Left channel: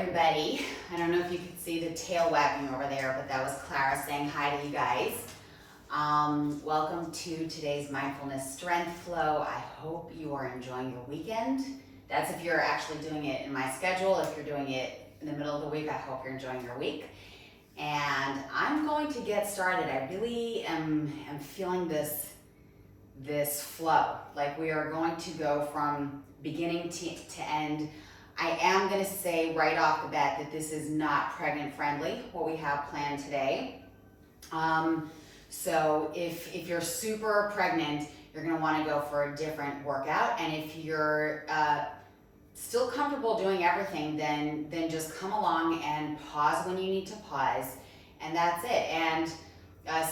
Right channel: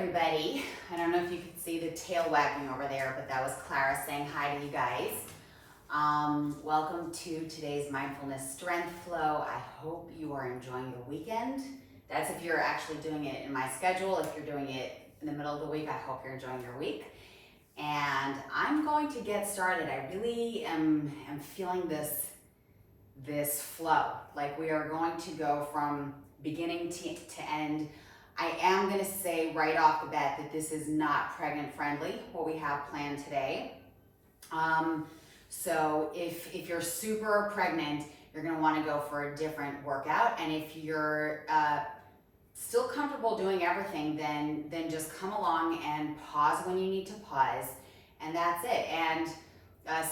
everybody. I don't know if you could see the tail wagging over there, but that was Clara saying hi to you guys. Welcome to today's Mindfulness Strength Flow. I hope you are enjoying your weekend. That's if you're actually doing it in my schedule. If you're doing it in the middle of the week, I hope you're enjoying your week. And I'm going to get started. I really am feeling this flow. Like we are going to go from beginning to end. I am going to say right off the bat that this is not pregnant friendly, what we have planned today. So if you're super pregnant, you're going to want to go for a different workout. And if you're still comfortable doing everything, then just come along and pause when you need to pause. And that's it. And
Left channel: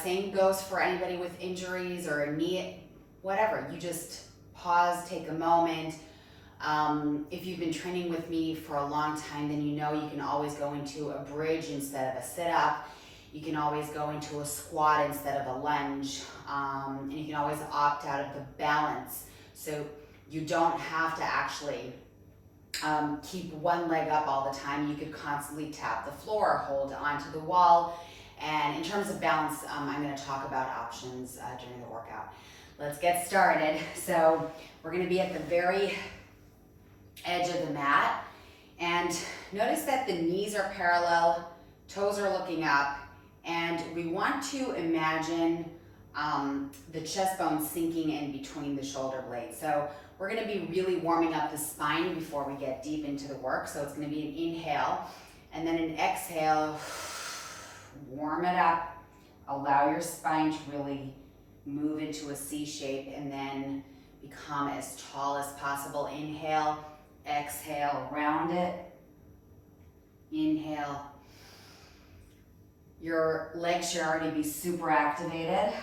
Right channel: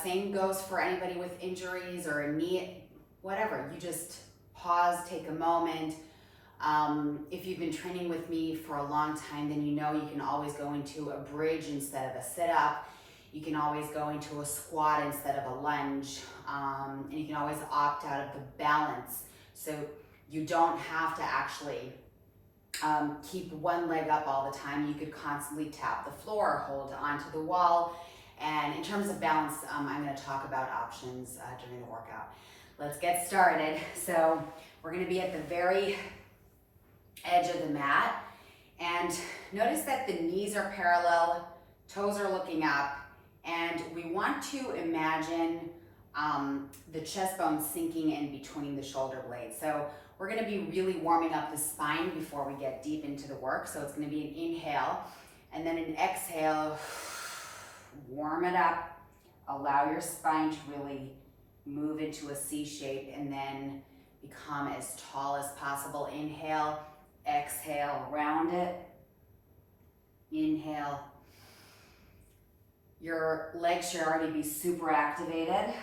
same goes for anybody with injuries or a knee, whatever. You just pause, take a moment. If you've been training with me for a long time, then you know you can always go into a bridge instead of a sit-up. You can always go into a squat instead of a lunge. And you can always opt out of the balance. So you don't have to actually keep one leg up all the time. You could constantly tap the floor, hold onto the wall. And in terms of balance, I'm going to talk about options during the workout. Let's get started. So we're going to be at the very edge of the mat, and notice that the knees are parallel, toes are looking up, and we want to imagine the chest bone sinking in between the shoulder blades. So we're going to be really warming up the spine before we get deep into the work. So it's going to be an inhale and then an exhale. Warm it up, allow your spine to really move into a C shape and then become as tall as possible. Inhale, exhale, round it. Inhale. Your legs should already be super activated.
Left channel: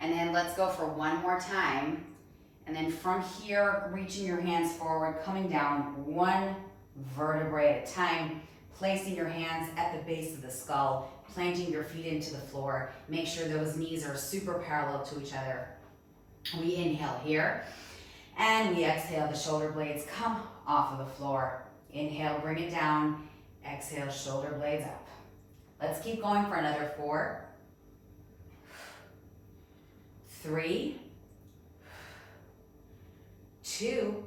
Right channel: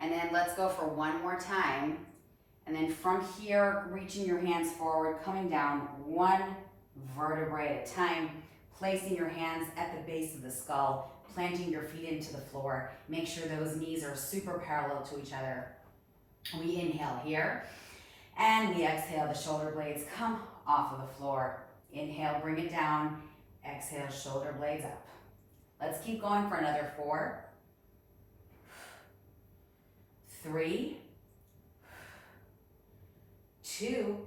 And then let's go for one more time. And then from here, reaching your hands forward, coming down one vertebrae at a time, placing your hands at the base of the skull, planting your feet into the floor. Make sure those knees are super parallel to each other. We inhale here. And we exhale, the shoulder blades come off of the floor. Inhale, bring it down. Exhale, shoulder blades up. Let's keep going for another 4, 3, 2,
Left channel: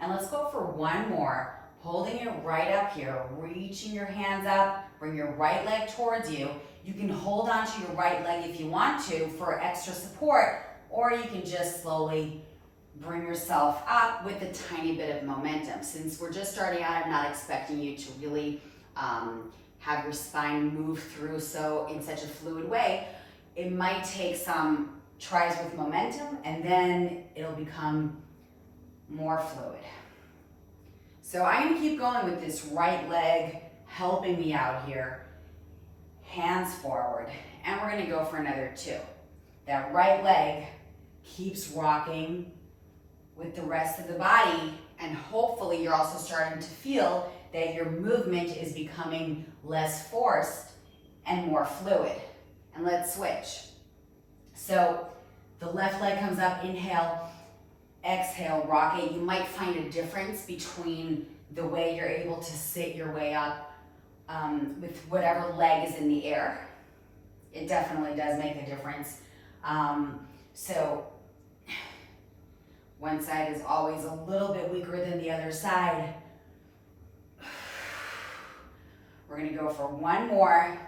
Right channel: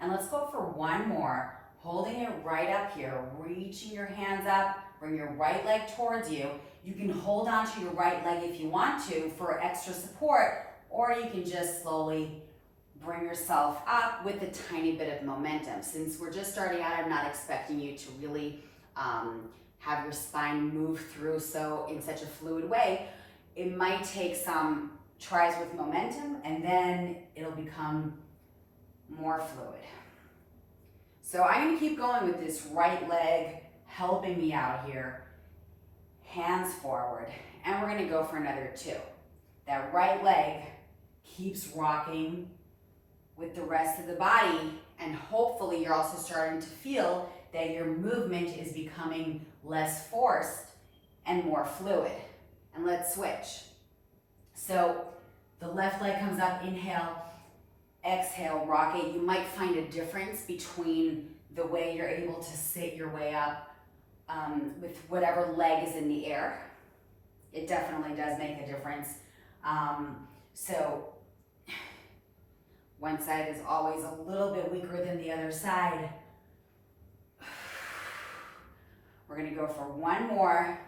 and let's go for one more. Holding it right up here, reaching your hands up, bring your right leg towards you. You can hold onto your right leg if you want to for extra support, or you can just slowly bring yourself up with a tiny bit of momentum. Since we're just starting out, I'm not expecting you to really have your spine move through in such a fluid way. It might take some tries with momentum, and then it'll become more fluid. So I'm going to keep going with this right leg helping me out here. Hands forward, and we're going to go for another 2. That right leg keeps rocking with the rest of the body, and hopefully you're also starting to feel that your movement is becoming less forced and more fluid. And let's switch. So the left leg comes up, inhale, exhale, rock it. You might find a difference between the way you're able to sit your way up with whatever leg is in the air. It definitely does make a difference. So one side is always a little bit weaker than the other side. We're going to go for one more.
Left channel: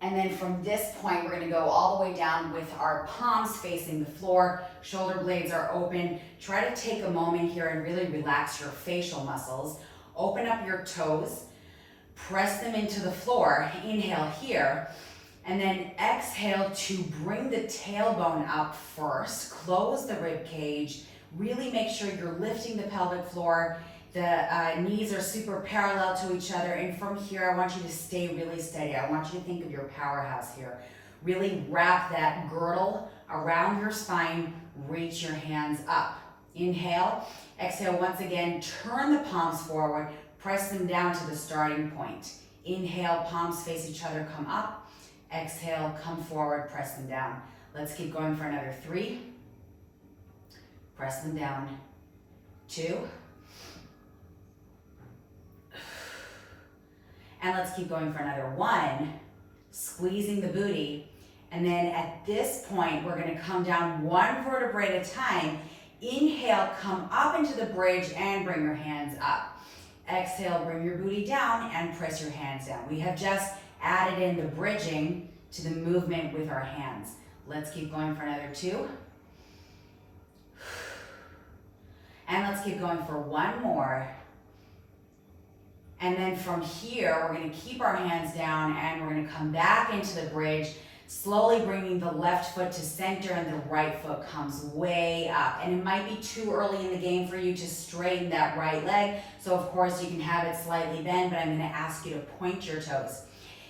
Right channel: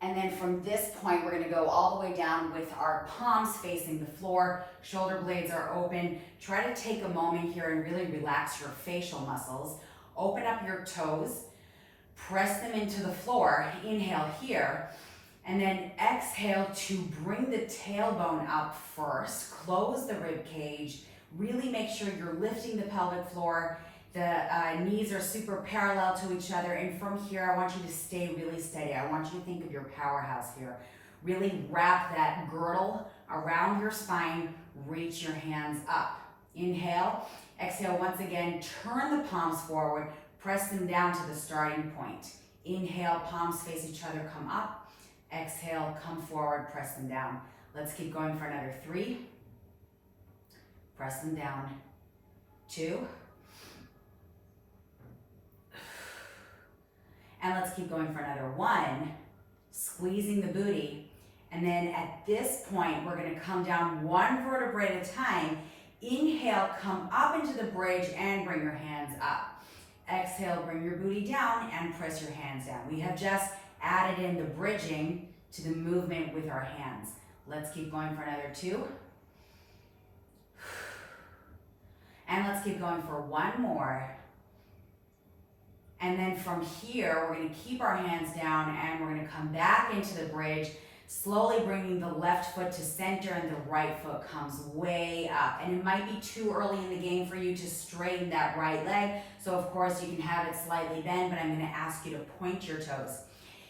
And then from this point, we're going to go all the way down with our palms facing the floor. Shoulder blades are open. Try to take a moment here and really relax your facial muscles. Open up your toes. Press them into the floor. Inhale here. And then exhale to bring the tailbone up first. Close the rib cage. Really make sure you're lifting the pelvic floor. The knees are super parallel to each other, and from here I want you to stay really steady. I want you to think of your powerhouse here. Really wrap that girdle around your spine, reach your hands up. Inhale, exhale once again, turn the palms forward, press them down to the starting point. Inhale, palms face each other, come up. Exhale, come forward, press them down. Let's keep going for another 3. Press them down. 2. And let's keep going for another 1. Squeezing the booty. And then at this point, we're gonna come down 1 vertebrae at a time. Inhale, come up into the bridge and bring your hands up. Exhale, bring your booty down and press your hands down. We have just added in the bridging to the movement with our hands. Let's keep going for another 2. And let's keep going for 1 more. And then from here, we're gonna keep our hands down and we're gonna come back into the bridge, slowly bringing the left foot to center and the right foot comes way up. And it might be too early in the game for you to straighten that right leg. So of course you can have it slightly bend, but I'm gonna ask you to point your toes.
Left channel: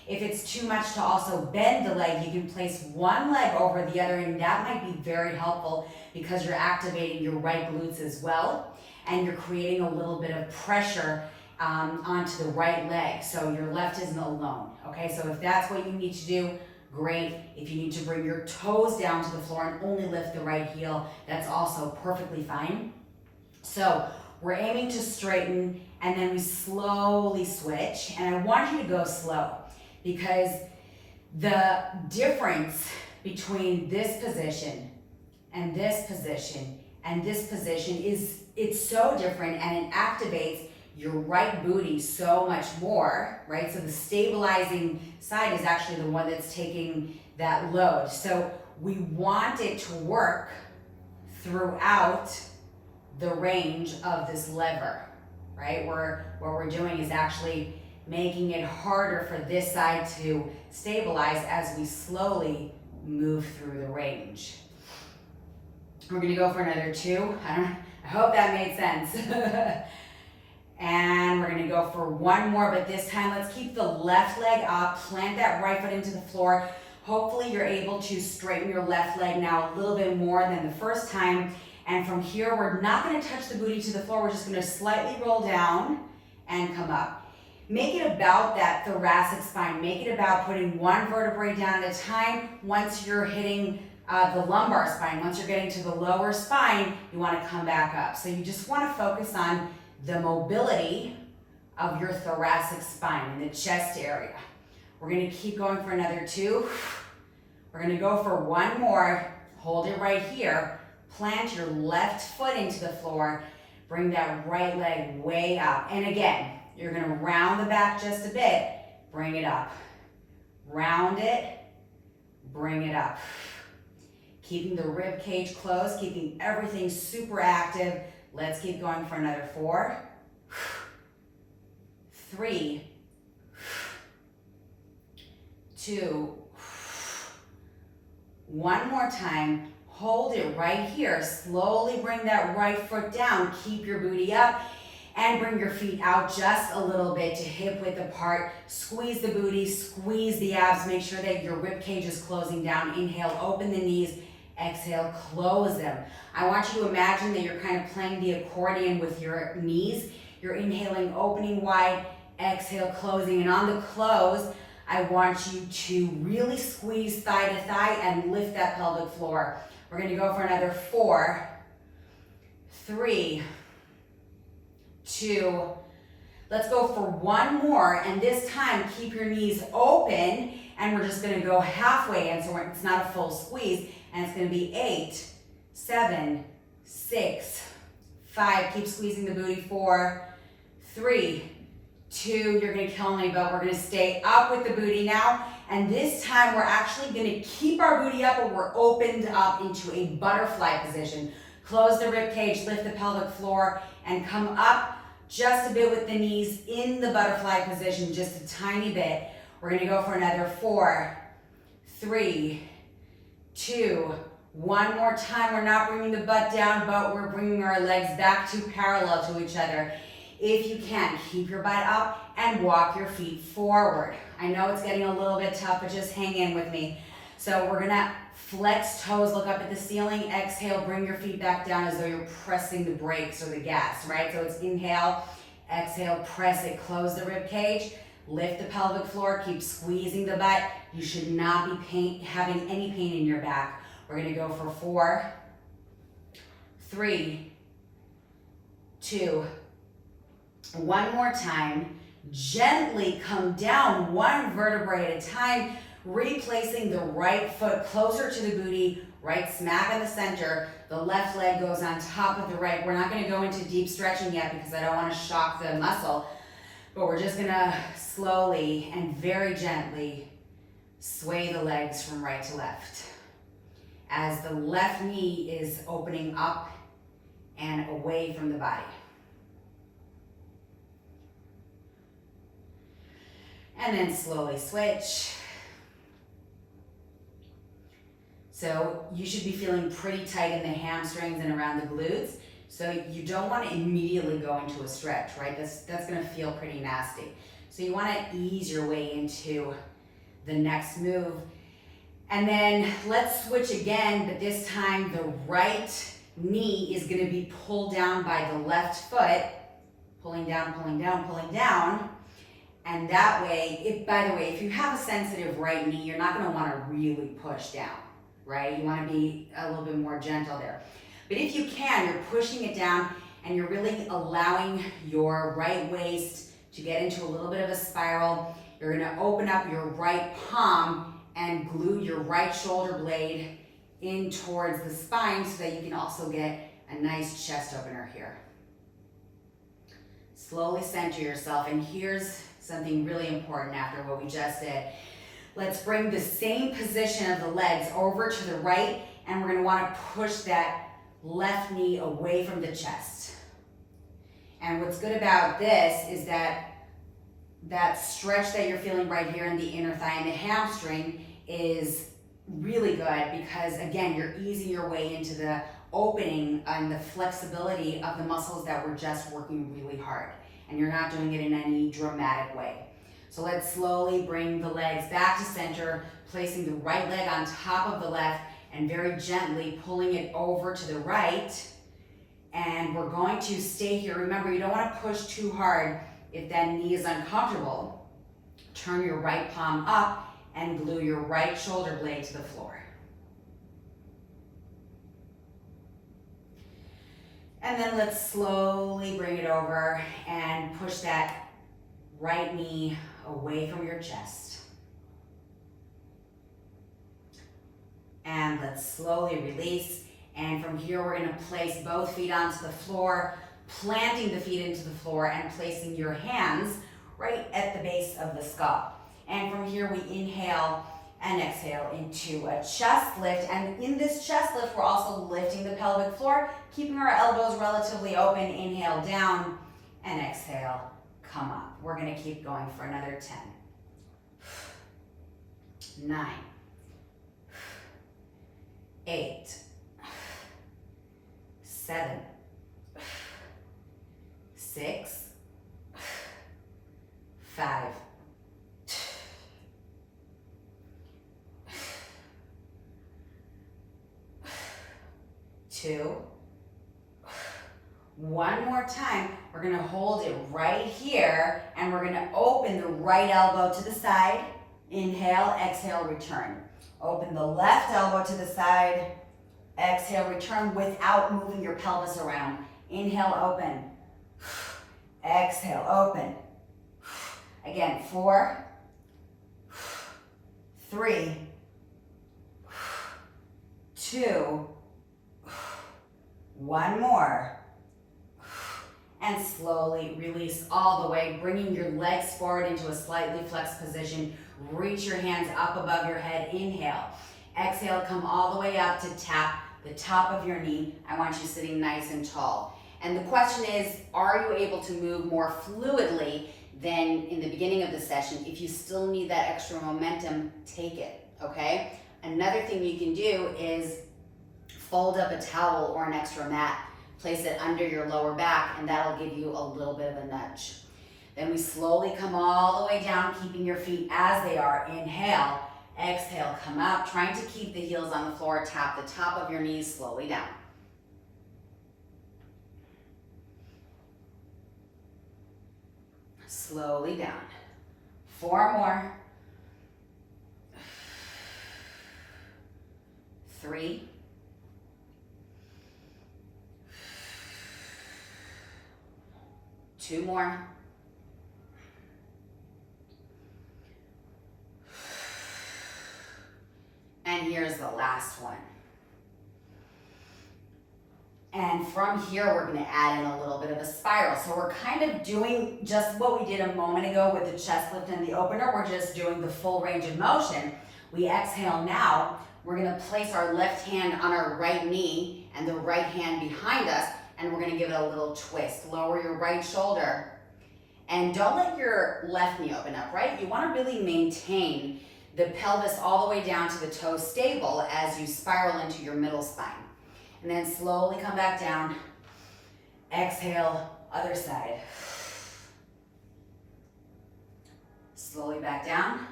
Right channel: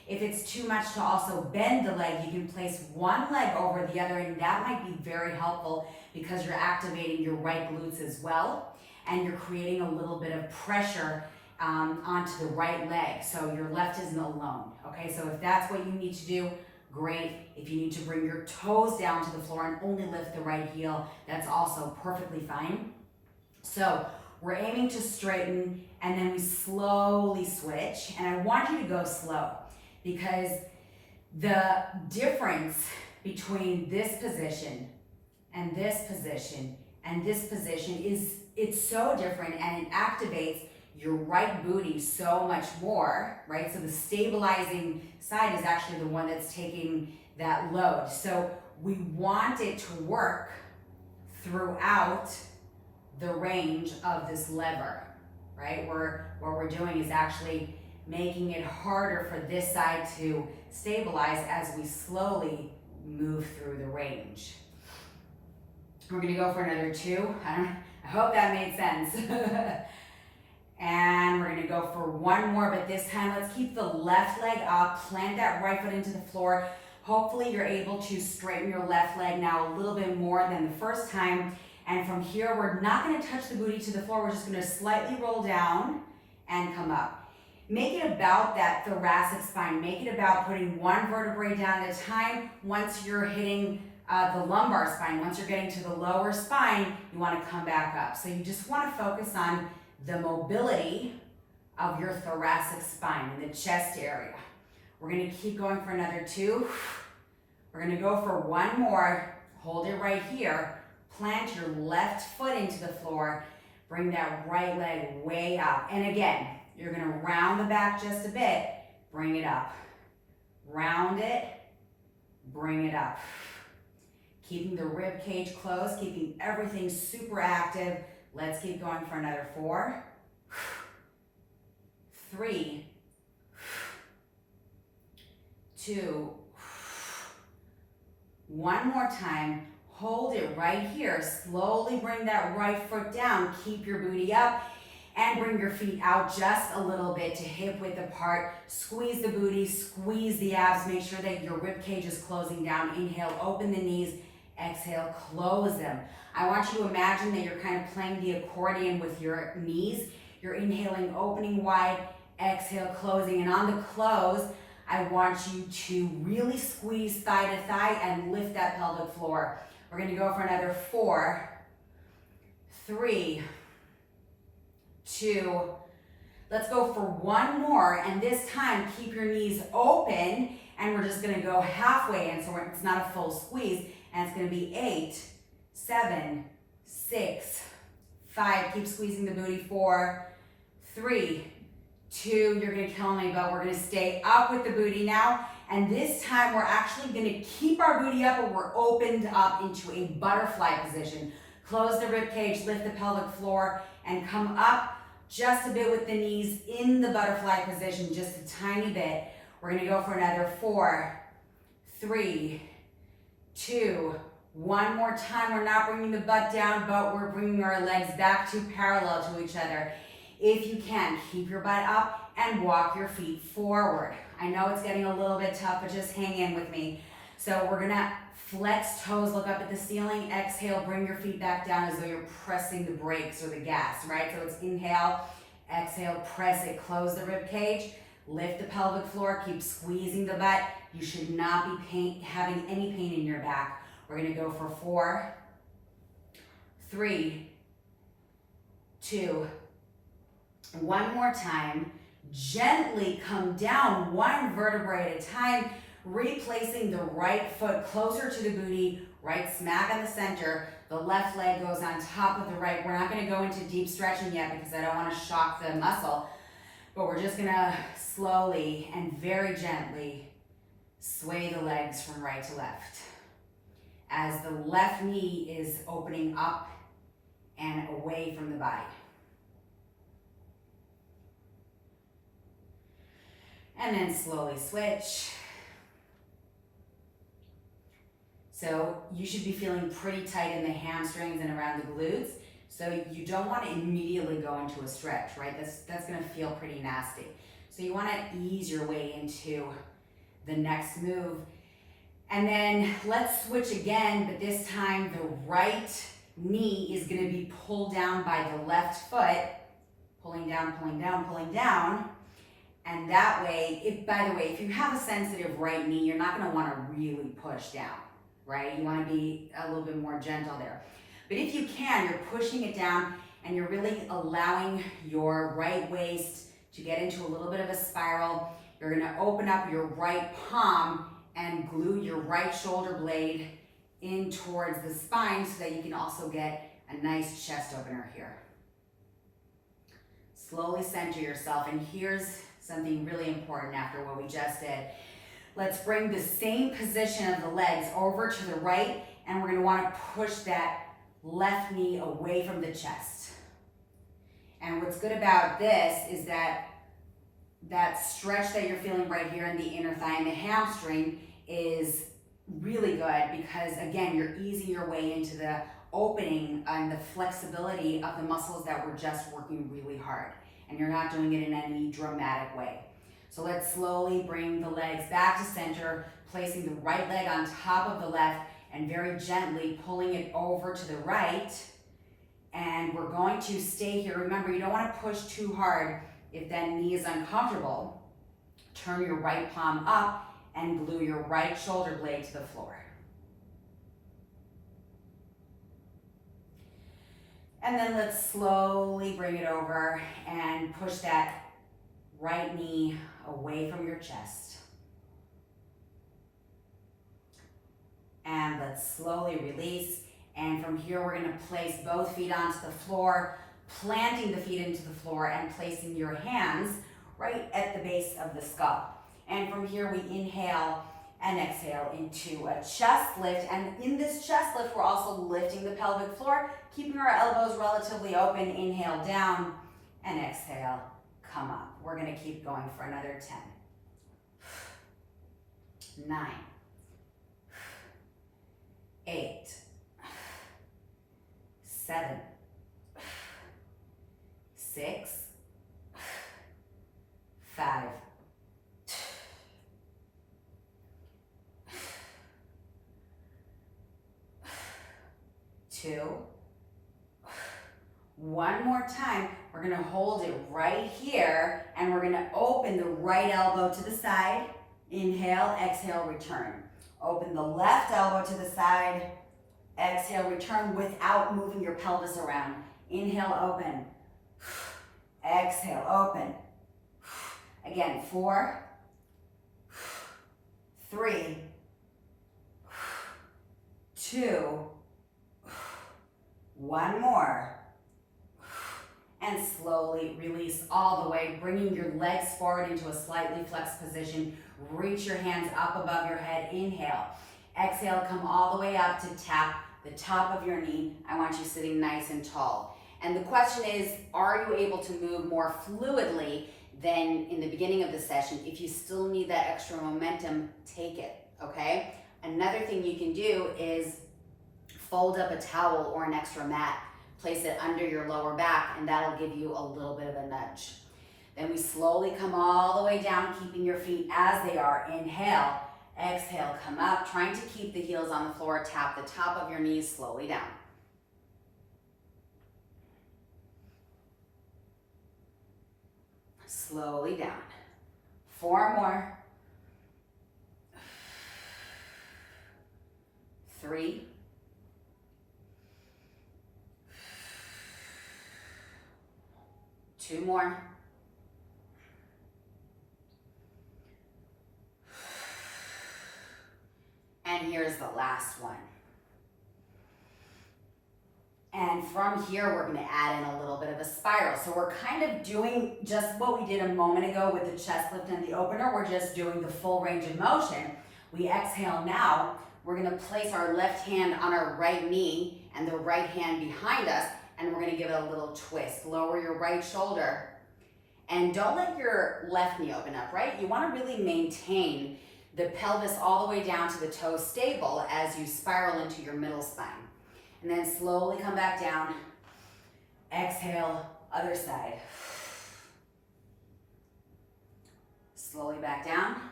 If it's too much to also bend the leg, you can place one leg over the other, and that might be very helpful because you're activating your right glutes as well, and you're creating a little bit of pressure onto the right leg, so your left isn't alone, okay? So if that's what you need to do, great. If you need to bring your toes down to the floor and only lift the right heel, that's also perfectly fine. So we're aiming to straighten, and then we slowly switch, and I want you to go slow because the difference between this position and this position and this position is, it's so different, and it activates your right booty so much more, right? So the stabilizing side is actually the one that's taking that load. So we want it to work throughout the range of this lever, right? What we're doing is actually making it harder for this side to stabilize as we slowly move through the range. We're gonna go for another 2. I hope that made sense. And we're gonna go for 1 more, but this time let's keep the left leg up, plant that right foot into the floor. Hopefully you're able to straighten your left leg now a little bit more than the first time. And from here, we're not gonna touch the booty to the floor. We're just gonna slightly roll down and come up. Make it about that thoracic spine. Make it about putting 1 vertebrae down at a time. Once you're hitting the lumbar spine, once you're getting to the lower spine, you wanna come back up. So you just wanna focus on the mobility of your thoracic spine in the chest area. We're gonna keep going for another 2. We're gonna go for 1 more. Hold it right here. Plant your left foot into the floor. Bring that right leg way up. And again, you're gonna round the back just a bit. Bring it up. Round it. Bring it up. Keeping the rib cage closed, keeping everything super active. Let's keep going for another 4, 3, 2, 1 more time. Hold it right here. Slowly bring that right foot down. Keep your booty up and bring your feet out just a little bit to hip width apart. Squeeze the booty, squeeze the abs. Make sure that your rib cage is closing down. Inhale, open the knees. Exhale, close them. I want you to imagine that you're kind of playing the accordion with your knees. You're inhaling, opening wide, exhale, closing. And on the close, I want you to really squeeze thigh to thigh and lift that pelvic floor. We're gonna go for another 4, 3, 2. Let's go for 1 more, and this time keep your knees open, and we're just gonna go halfway in, so it's not a full squeeze, and it's gonna be 8, 7, 6, 5. Keep squeezing the booty. 4, 3, 2. You're gonna kill me, but we're gonna stay up with the booty now. And this time we're actually gonna keep our booty up, but we're opened up into a butterfly position. Close the rib cage, lift the pelvic floor, and come up just a bit with the knees in the butterfly position, just a tiny bit. We're gonna go for another 4, 3, 2, 1 more time. We're not bringing the butt down, but we're bringing our legs back to parallel to each other. If you can, keep your butt up and walk your feet forward. I know it's getting a little bit tough, but just hang in with me. So we're gonna flex toes, look up at the ceiling, exhale, bring your feet back down as though you're pressing the brakes or the gas, right? So it's inhale, exhale, press it, close the rib cage, lift the pelvic floor, keep squeezing the butt. You should not be having any pain in your back. We're gonna go for 4, 3, 2. One more time. Gently come down one vertebrae at a time, replacing the right foot closer to the booty, right smack in the center. The left leg goes on top of the right. We're not going to go into deep stretching yet because I don't want to shock the muscle, but we're just going to slowly and very gently sway the legs from right to left as the left knee is opening up and away from the body. And then slowly switch. So you should be feeling pretty tight in the hamstrings and around the glutes. So you don't want to immediately go into a stretch, right? That's going to feel pretty nasty. So you want to ease your way into the next move. And then let's switch again, but this time the right knee is going to be pulled down by the left foot, pulling down, pulling down, pulling down. And that way, by the way, if you have a sensitive right knee, you're not going to want to really push down, right? You want to be a little bit more gentle there. But if you can, you're pushing it down and you're really allowing your right waist to get into a little bit of a spiral. You're going to open up your right palm and glue your right shoulder blade in towards the spine so that you can also get a nice chest opener here. Slowly center yourself, and here's something really important after what we just did. Let's bring the same position of the legs over to the right, and we're going to want to push that left knee away from the chest. And what's good about this is that stretch that you're feeling right here in the inner thigh and the hamstring is really good because, again, you're easing your way into the opening and the flexibility of the muscles that were just working really hard. And you're not doing it in any dramatic way. So let's slowly bring the legs back to center, placing the right leg on top of the left and very gently pulling it over to the right. And we're going to stay here. Remember, you don't want to push too hard if that knee is uncomfortable. Turn your right palm up and glue your right shoulder blade to the floor. And then let's slowly bring it over and push that right knee away from your chest. And let's slowly release. And from here, we're going to place both feet onto the floor, planting the feet into the floor and placing your hands right at the base of the skull. And from here, we inhale and exhale into a chest lift. And in this chest lift, we're also lifting the pelvic floor, keeping our elbows relatively open. Inhale down and exhale, come up. We're going to keep going for another 10, 9, 8, 7, 6, 5, 2, 1 more time. We're going to hold it right here and we're going to open the right elbow to the side. Inhale, exhale, return. Open the left elbow to the side. Exhale, return without moving your pelvis around. Inhale, open. Exhale, open. Again, 4, 3, 2, 1 more. And slowly release all the way, bringing your legs forward into a slightly flexed position. Reach your hands up above your head. Inhale. Exhale, come all the way up to tap the top of your knee. I want you sitting nice and tall. And the question is, are you able to move more fluidly than in the beginning of the session? If you still need that extra momentum, take it, okay? Another thing you can do is fold up a towel or an extra mat, place it under your lower back, and that'll give you a little bit of a nudge. Then we slowly come all the way down, keeping your feet as they are. Inhale, exhale, come up, trying to keep the heels on the floor. Tap the top of your knees slowly down. Slowly down. 4 more. 3. 2 more. And here's the last one. And from here, we're gonna add in a little bit of a spiral. So we're kind of doing just what we did a moment ago with the chest lift and the opener. We're just doing the full range of motion. We exhale now. We're gonna place our left hand on our right knee and the right hand behind us, and we're gonna give it a little twist. Lower your right shoulder, and don't let your left knee open up, right? You wanna really maintain the pelvis all the way down to the toes stable as you spiral into your middle spine. And then slowly come back down. Exhale, other side. Slowly back down.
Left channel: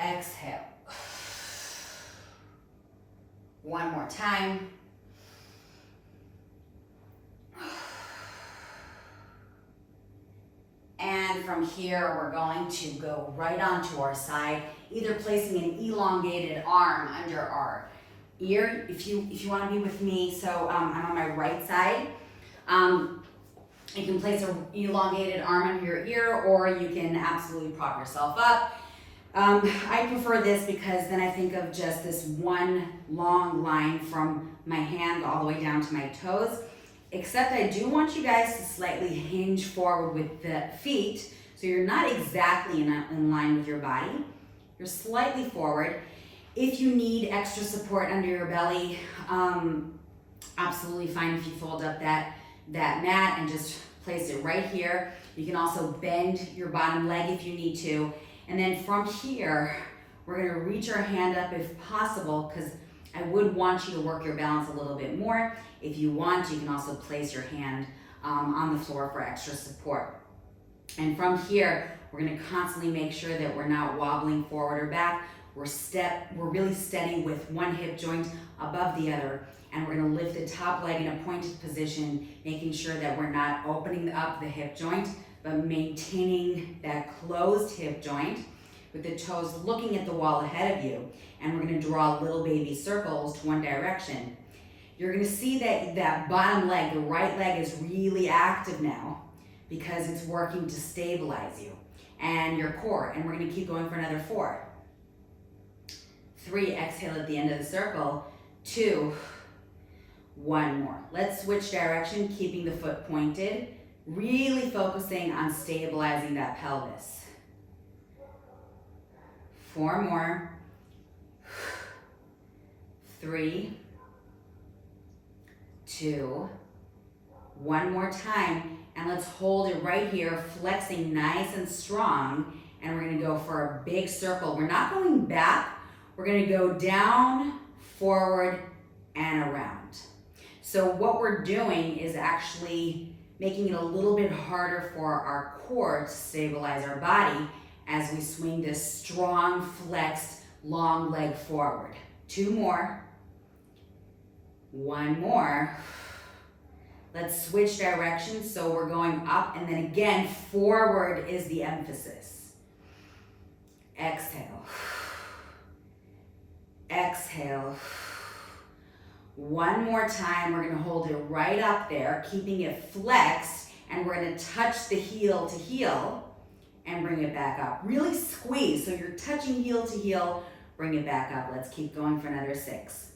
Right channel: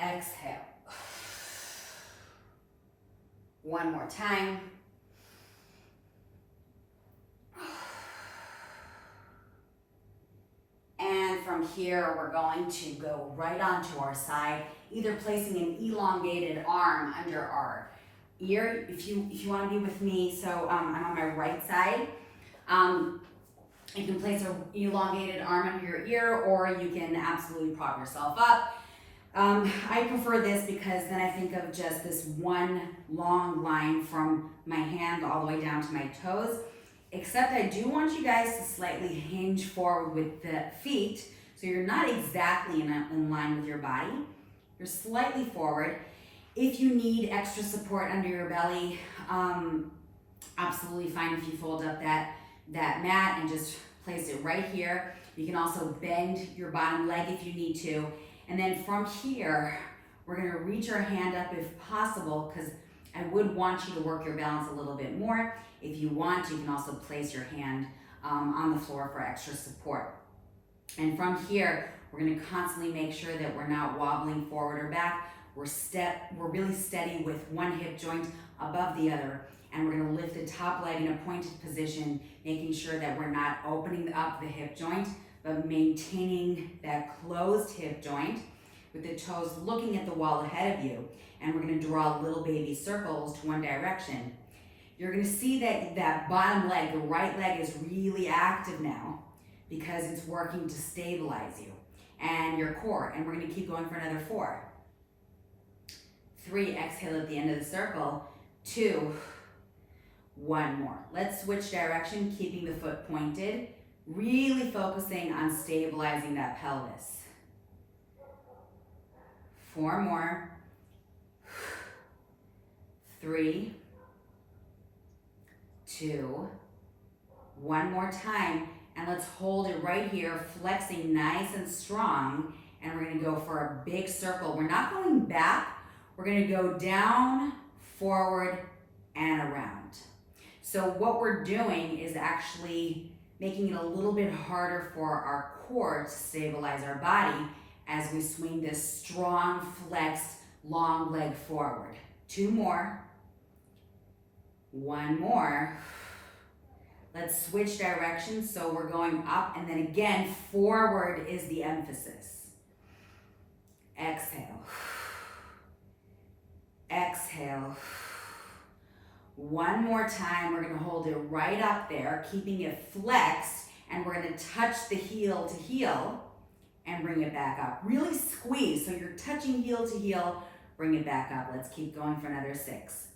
Exhale. One more time. And from here, we're going to go right onto our side, either placing an elongated arm under our ear, if you want to be with me. So I'm on my right side. You can place an elongated arm under your ear, or you can absolutely prop yourself up. I prefer this because then I think of just this one long line from my hand all the way down to my toes. Except I do want you guys to slightly hinge forward with the feet, so you're not exactly in line with your body. You're slightly forward. If you need extra support under your belly, absolutely fine if you fold up that mat and just place it right here. You can also bend your bottom leg if you need to. And then from here, we're gonna reach our hand up if possible, because I would want you to work your balance a little bit more. If you want, you can also place your hand on the floor for extra support. And from here, we're gonna constantly make sure that we're not wobbling forward or back. We're really steady with one hip joint above the other, and we're gonna lift the top leg in a pointed position, making sure that we're not opening up the hip joint, but maintaining that closed hip joint with the toes looking at the wall ahead of you. And we're gonna draw little baby circles to one direction. You're gonna see that bottom leg, the right leg, is really active now because it's working to stabilize you and your core. And we're gonna keep going for another 4. 3, exhale at the end of the circle. 2, 1 more. Let's switch direction, keeping the foot pointed, really focusing on stabilizing that pelvis. 4 more. 3, 2, 1 more time. And let's hold it right here, flexing nice and strong. And we're gonna go for a big circle. We're not going back. We're gonna go down, forward, and around. So what we're doing is actually making it a little bit harder for our core to stabilize our body as we swing this strong, flexed, long leg forward. 2 more. 1 more. Let's switch directions. So we're going up, and then again, forward is the emphasis. Exhale. Exhale. 1 more time. We're gonna hold it right up there, keeping it flexed, and we're gonna touch the heel to heel and bring it back up. Really squeeze, so you're touching heel to heel, bring it back up. Let's keep going for another 6.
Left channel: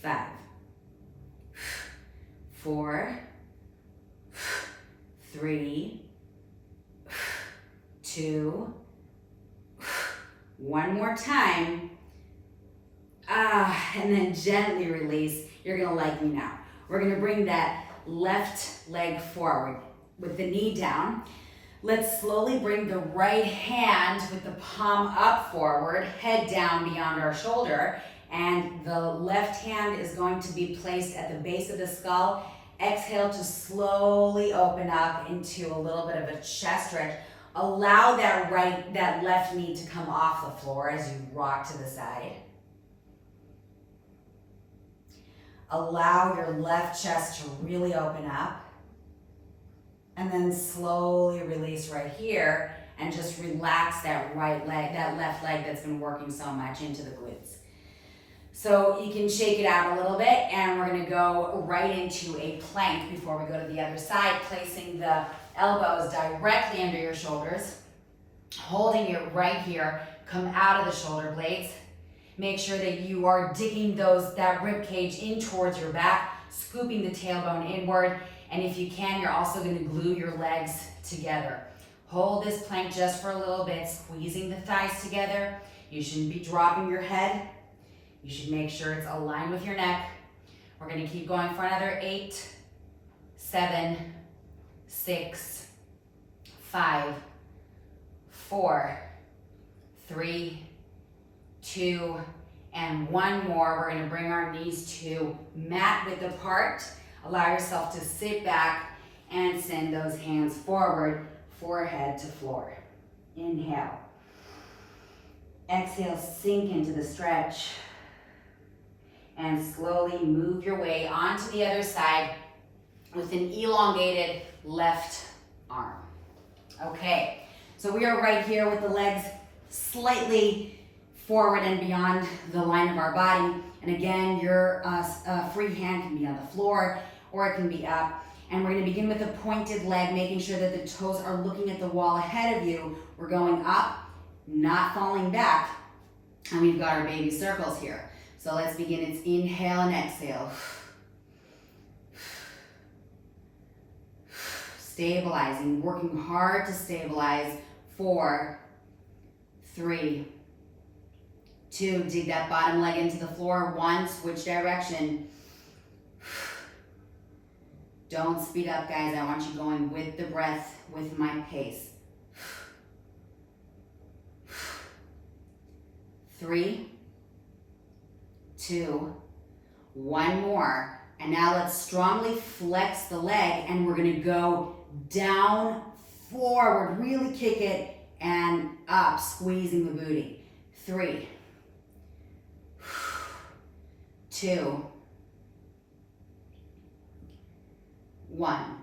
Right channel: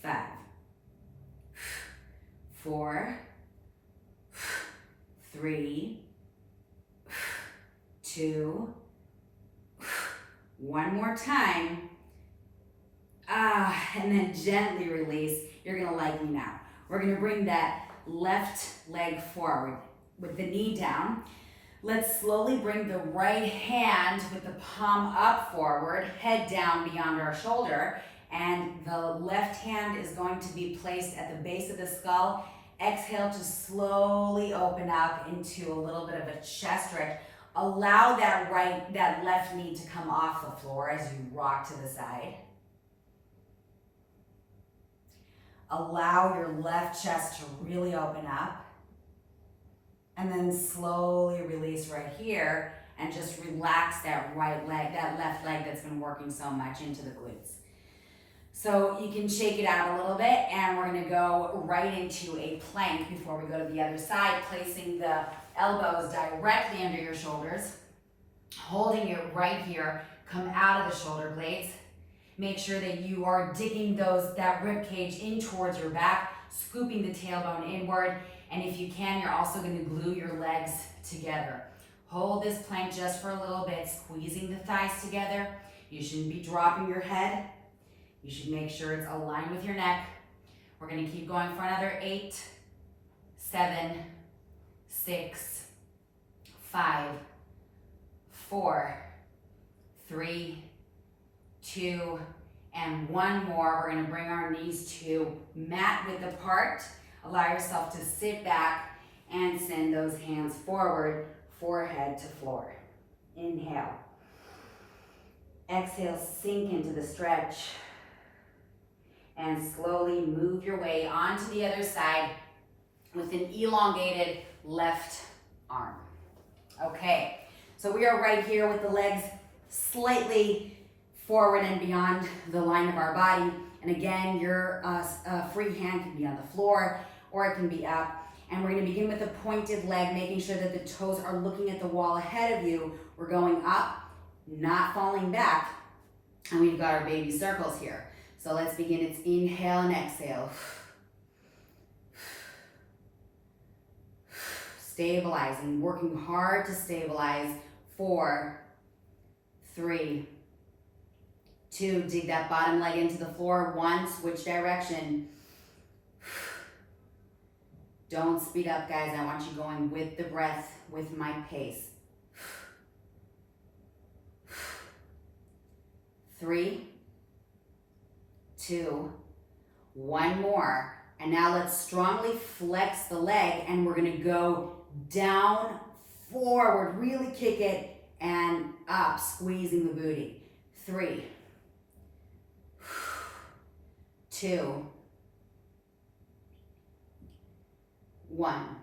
5. 4. 3. 2. 1 more time. And then gently release. You're gonna like me now. We're gonna bring that left leg forward with the knee down. Let's slowly bring the right hand with the palm up forward, head down beyond our shoulder, and the left hand is going to be placed at the base of the skull. Exhale to slowly open up into a little bit of a chest stretch. Allow that left knee to come off the floor as you rock to the side. Allow your left chest to really open up. And then slowly release right here and just relax that right leg, that left leg that's been working so much into the glutes. So you can shake it out a little bit, and we're gonna go right into a plank before we go to the other side, placing the elbows directly under your shoulders, holding it right here, come out of the shoulder blades. Make sure that you are digging that rib cage in towards your back, scooping the tailbone inward, and if you can, you're also gonna glue your legs together. Hold this plank just for a little bit, squeezing the thighs together. You shouldn't be dropping your head. You should make sure it's aligned with your neck. We're gonna keep going for another 8, 7, 6, 5, 4, 3, 2, and 1 more. We're gonna bring our knees to mat width apart. Allow yourself to sit back and send those hands forward, forehead to floor. Inhale. Exhale, sink into the stretch. And slowly move your way onto the other side with an elongated left arm. Okay, so we are right here with the legs slightly forward and beyond the line of our body. And again, your free hand can be on the floor or it can be up. And we're gonna begin with a pointed leg, making sure that the toes are looking at the wall ahead of you. We're going up, not falling back. And we've got our baby circles here. So let's begin. It's inhale and exhale. Stabilizing, working hard to stabilize. 4, 3, 2, dig that bottom leg into the floor. 1, switch direction. Don't speed up, guys. I want you going with the breath, with my pace. 3, 2, 1 more. And now let's strongly flex the leg, and we're gonna go down, forward, really kick it, and up, squeezing the booty. 3, 2, 1.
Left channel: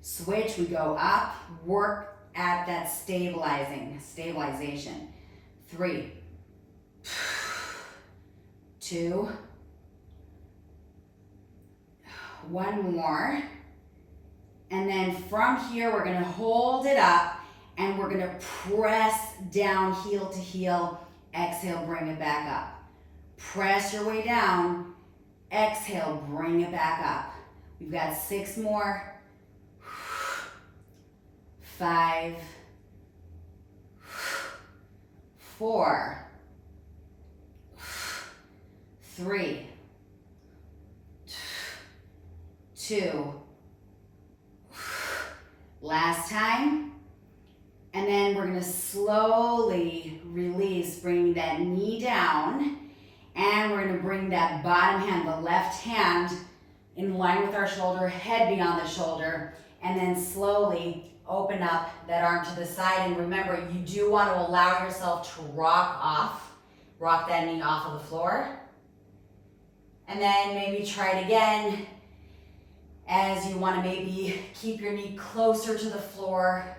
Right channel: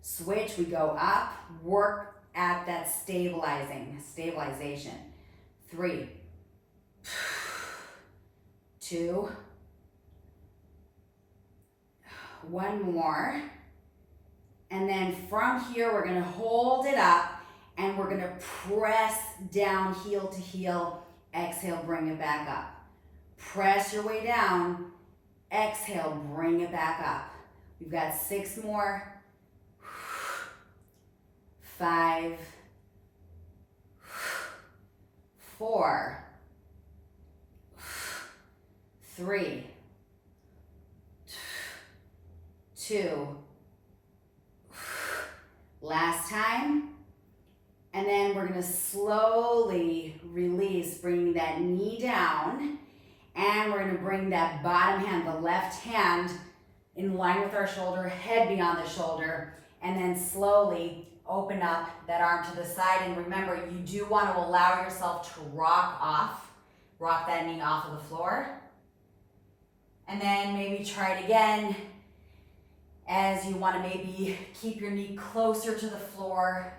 Switch, we go up, work at that stabilization. 3, 2, 1 more. And then from here, we're gonna hold it up and we're gonna press down heel to heel. Exhale, bring it back up. Press your way down. Exhale, bring it back up. We've got 6 more. 5, 4, 3, 2, last time. And then we're gonna slowly release, bringing that knee down, and we're gonna bring that bottom hand, the left hand, in line with our shoulder, head beyond the shoulder, and then slowly open up that arm to the side. And remember, you do want to allow yourself to rock that knee off of the floor. And then maybe try it again as you want to maybe keep your knee closer to the floor,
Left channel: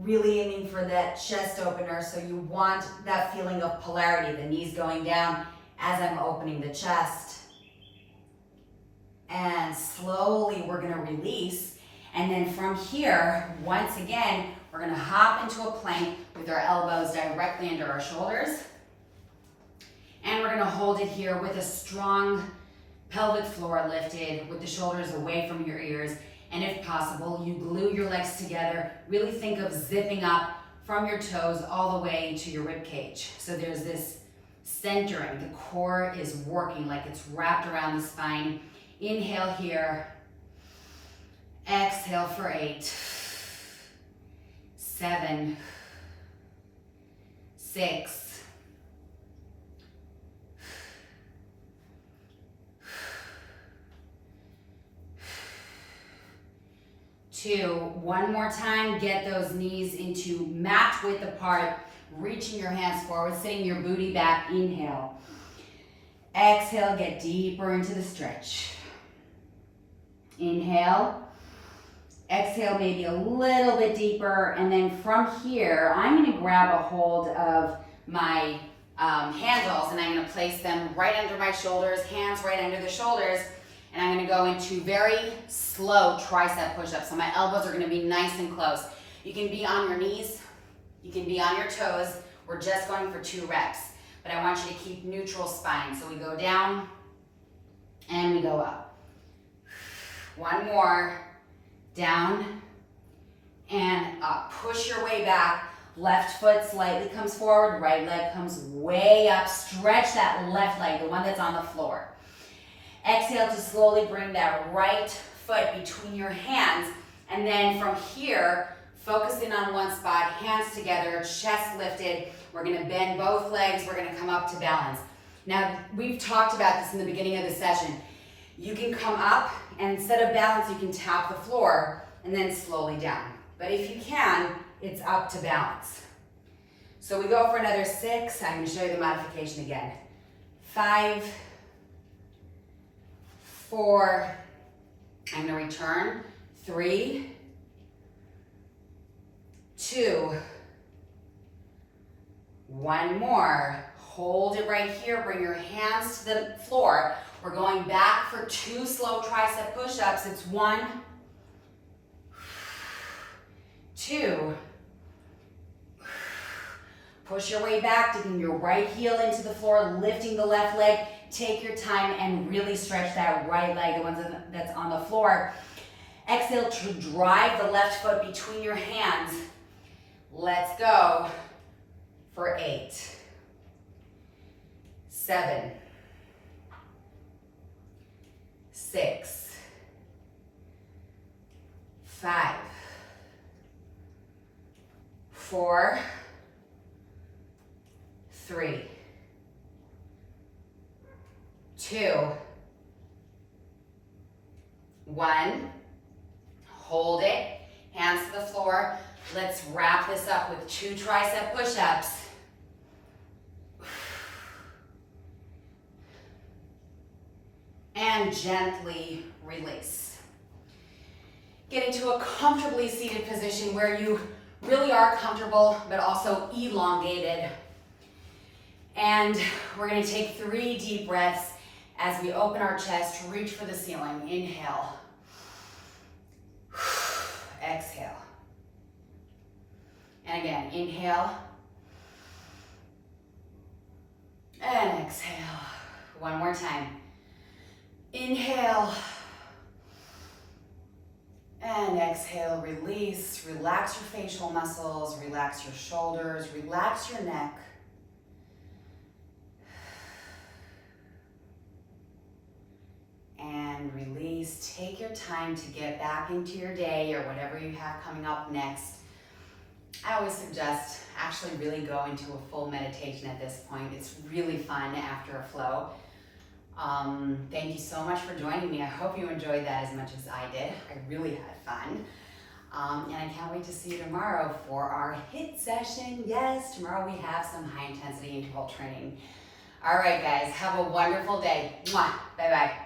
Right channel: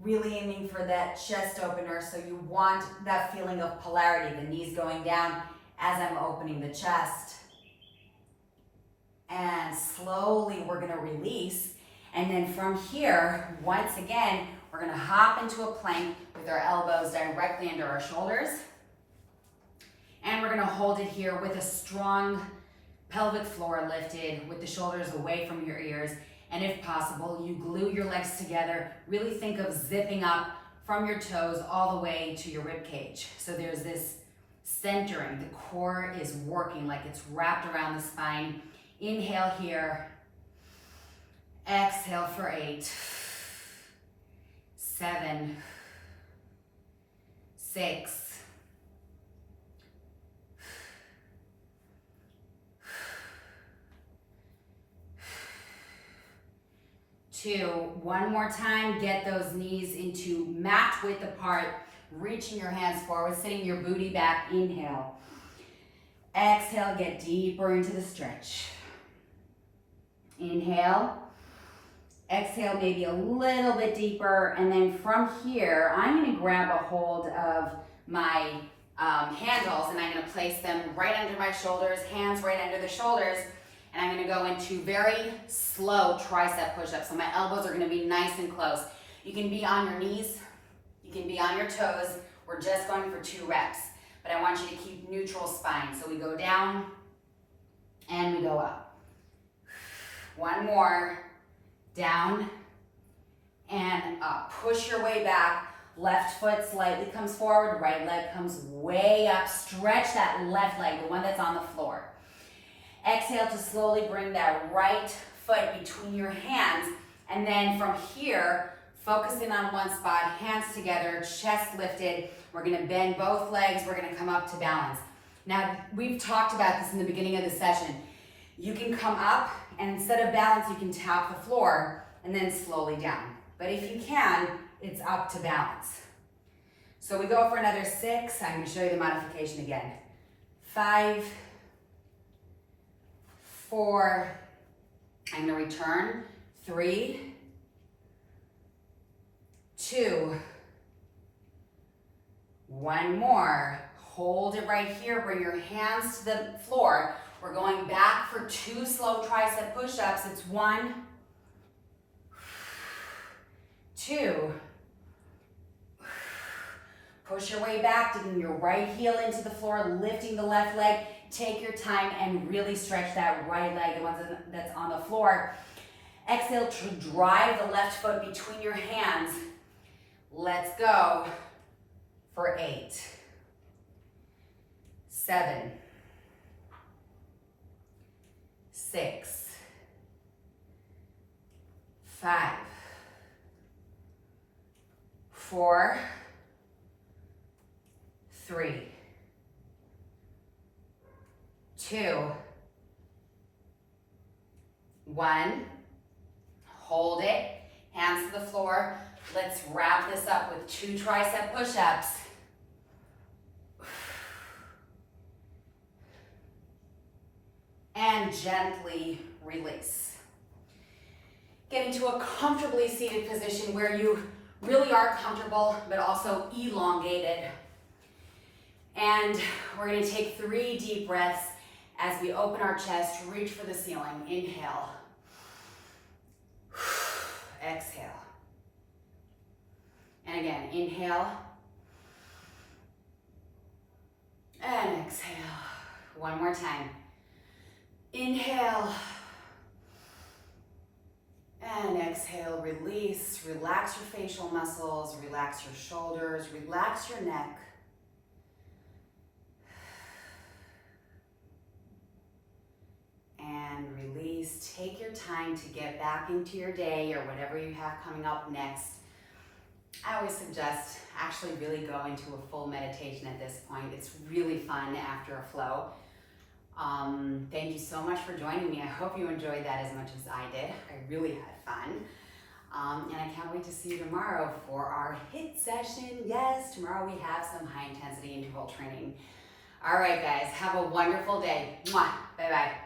really aiming for that chest opener. So you want that feeling of polarity, the knees going down as I'm opening the chest. And slowly we're going to release. And then from here, once again, we're going to hop into a plank with our elbows directly under our shoulders. And we're going to hold it here with a strong pelvic floor lifted, with the shoulders away from your ears. And if possible, you glue your legs together. Really think of zipping up from your toes all the way to your rib cage. So there's this centering. The core is working like it's wrapped around the spine. Inhale here. Exhale for 8, 7, 6, 2. One more time, get those knees into mat width apart, reaching your hands forward, sitting your booty back. Inhale. Exhale, get deeper into the stretch. Inhale. Exhale, maybe a little bit deeper, and then from here, I'm gonna grab a hold of my handles, and I'm gonna place them right under my shoulders, hands right under the shoulders, and I'm gonna go into very slow tricep push-ups. So my elbows are gonna be nice and close. You can be on your knees, you can be on your toes. We're just going for 2 reps, but I want you to keep neutral spine. So we go down and we go up. 1 more, down and up. Push your way back. Left foot slightly comes forward, right leg comes way up. Stretch that left leg, the one that's on the floor. Exhale to slowly bring that right foot between your hands, and then from here, focus in on one spot, hands together, chest lifted. We're gonna bend both legs, we're gonna come up to balance. Now, we've talked about this in the beginning of the session. You can come up, and instead of balance, you can tap the floor, and then slowly down. But if you can, it's up to balance. So we go for another 6. I'm gonna show you the modification again. 5, 4, I'm gonna return. 3, 2, 1 more. Hold it right here, bring your hands to the floor. We're going back for 2 slow tricep push-ups. It's 1, 2. Push your way back, digging your right heel into the floor, lifting the left leg. Take your time and really stretch that right leg, the one that's on the floor. Exhale to drive the left foot between your hands. Let's go for 8, 7, 6, 5, 4, 3, 2, 1. Hold it, hands to the floor. Let's wrap this up with 2 tricep push-ups. And gently release. Get into a comfortably seated position where you really are comfortable, but also elongated. And we're gonna take 3 deep breaths as we open our chest, reach for the ceiling. Inhale. Exhale. And again, inhale. And exhale. One more time. Inhale. And exhale, release. Relax your facial muscles, relax your shoulders, relax your neck. And release. Take your time to get back into your day or whatever you have coming up next. I always suggest actually really go into a full meditation at this point. It's really fun after a flow. Thank you so much for joining me. I hope you enjoyed that as much as I did. I really had fun. And I can't wait to see you tomorrow for our HIIT session. Yes, tomorrow we have some high intensity interval training. All right, guys, have a wonderful day. Mwah. Bye-bye.